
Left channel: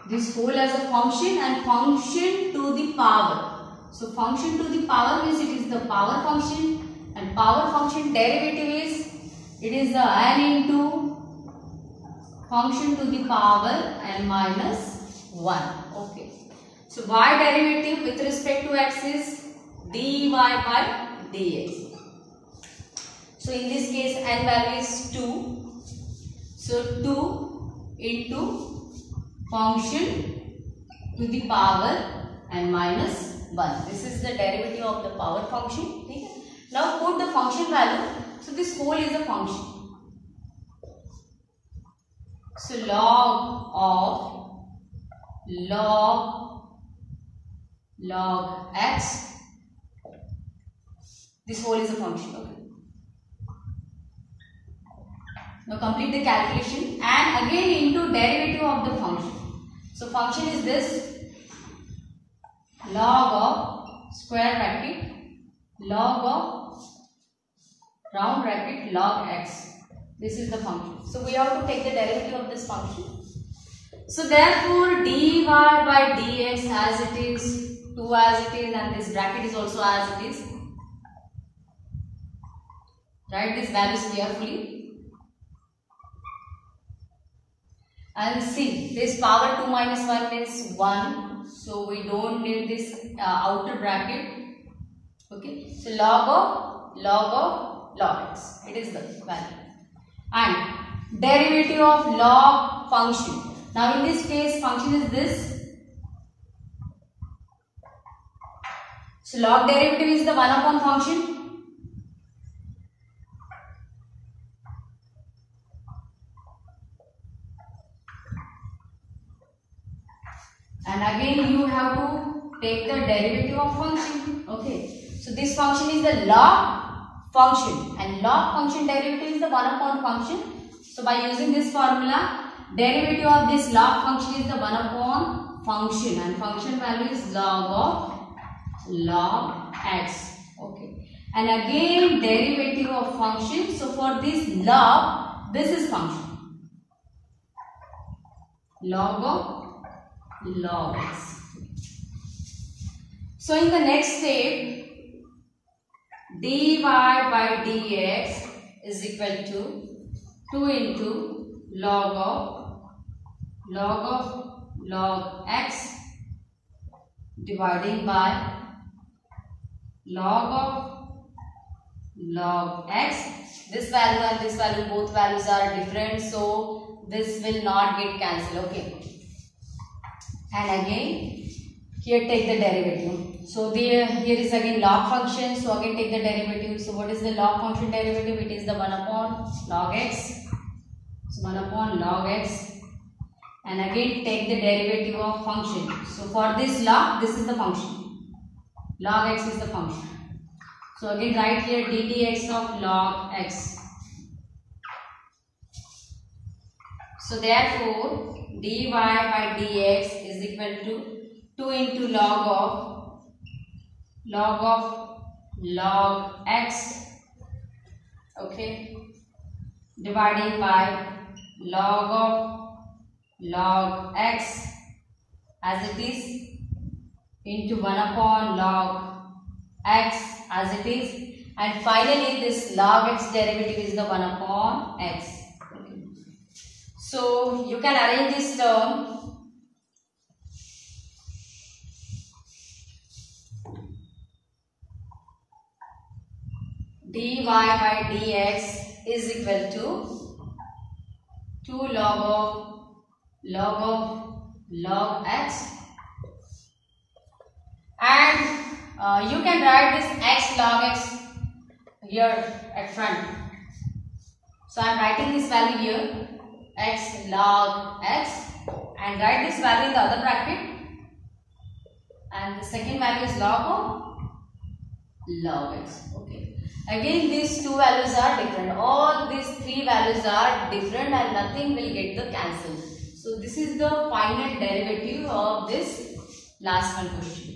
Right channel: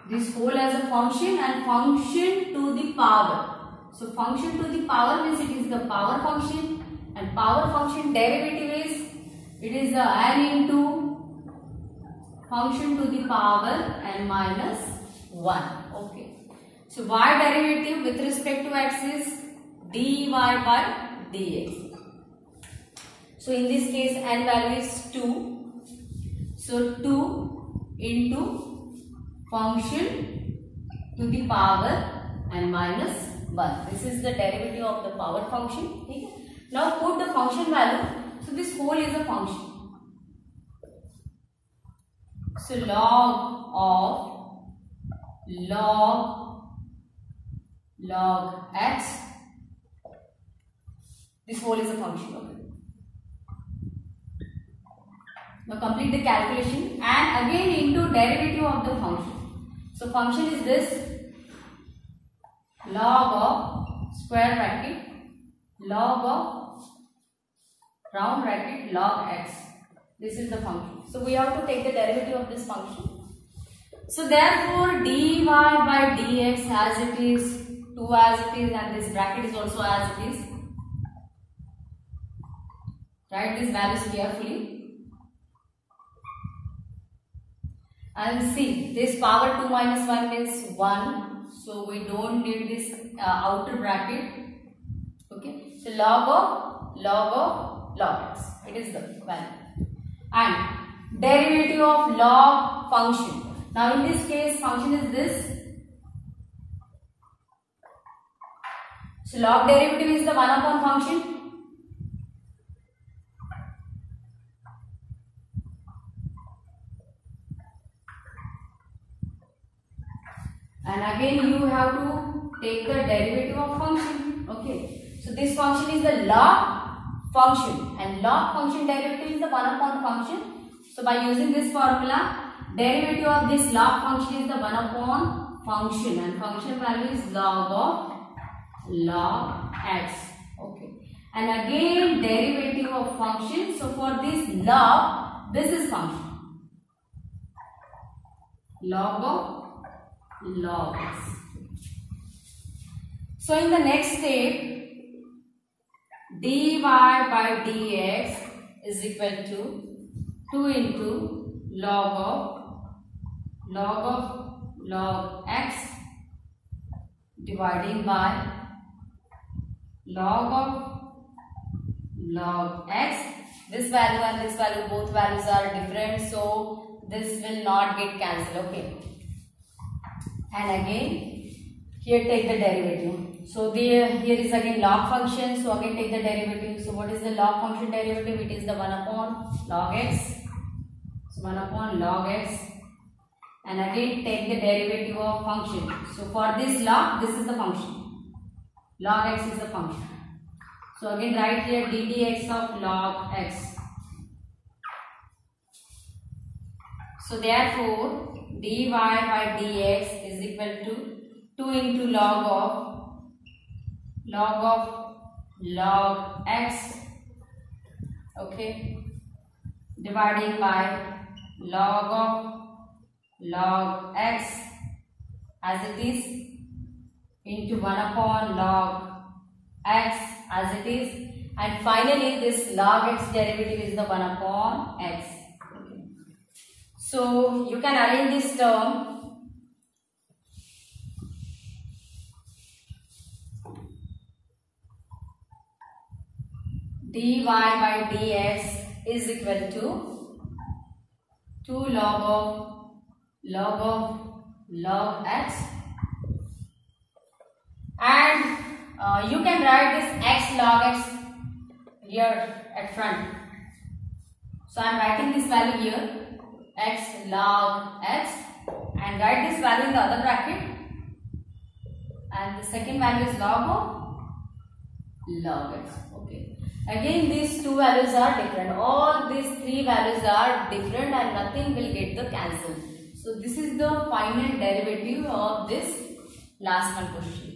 this whole as a function and function to the power। So function to the power means it is the power function, and power function derivative is, it is the n into function to the power n minus 1, okay। So y derivative with respect to x is dy by dx। So in this case n value is 2, so 2 into function to the power n minus 1. This is the derivative of the power function. Okay? Now put the function value. So this whole is a function. So log x. This whole is a function. Okay. Now complete the calculation and again into derivative of the function. So function is this log of square bracket log of round bracket log x. This is the function. So we have to take the derivative of this function. So therefore dy by dx as it is, 2 as it is, and this bracket is also as it is. Write these values carefully. And see, this power 2 minus 1 is 1. So we don't need this outer bracket. Okay. So log x. It is the value. And derivative of log function. Now in this case function is this. So log derivative is the 1 upon function. And again you have to take the derivative of function. Okay. So this function is the log function and log function derivative is the 1 upon function. So by using this formula, derivative of this log function is the 1 upon function and function value is log x. Okay. And again derivative of function. So for this log, this is function. Log x. So in the next step, dy by dx is equal to 2 into log x dividing by log x. This value and this value, both values are different, so this will not get cancelled. Okay. And again here take the derivative. So here is again log function. So again take the derivative. So what is the log function derivative? It is the 1 upon log x. So 1 upon log x. And again take the derivative of function. So for this log, this is the function. Log x is the function. So again write here ddx of log x. So therefore dy by dx is equal to 2 into log x, okay, dividing by log x as it is into 1 upon log x as it is, and finally this log x derivative is the 1 upon x. Okay. So you can arrange this term. dy by dx is equal to 2 log x, and you can write this x log x here at front. So I am writing this value here x log x and write this value in the other bracket, and the second value is log x. Okay. Again these two values are different. All these three values are different and nothing will get the cancel. So this is the final derivative of this last one question.